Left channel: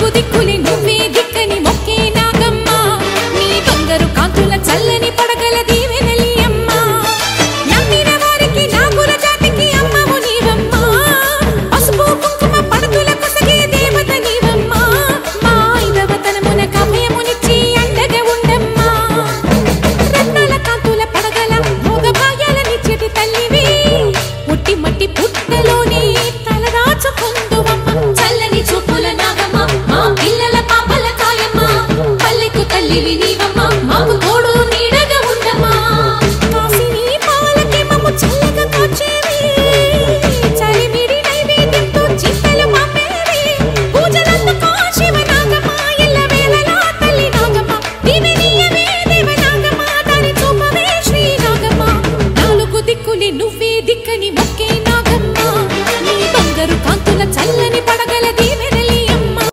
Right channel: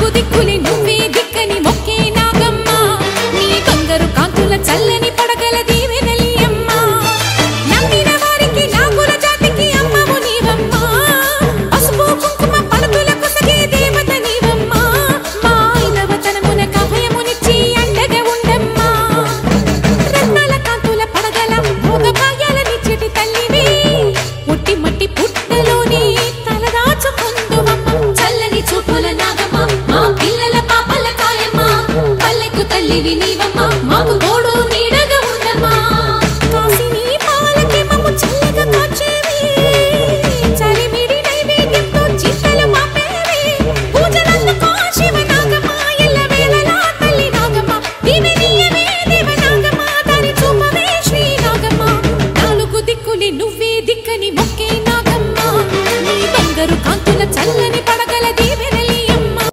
నాలుగు దిక్కులే నువ్వే దిక్కని మొక్కే నాగమ్మ నీ బంగారు కాంతుల చల్లని పడగల దీవెనలి అమ్మ నమ్మిన వారికి నాగుల జాతికి అమ్మవు నీవమ్మ పసుపు కుంకుమ పడతుల కొసగే దేవత నీవమ్మ మా ఐదవతనమున కభయమునిచ్చి అండగా ఉండమ్మా రత్నాల కాంతుల పడగల భోగ భాగ్యాల నిచ్చటి తల్లివి పుట్టి మట్టి పుట్టలోనే తలదాచుకుందువమ్మ చల్లని చూపుల నాగమ్మ మా పిల్లల పాపల కాయమ్మ పల్లెకు తల్లివి నీవమ్మ మాకు తోడు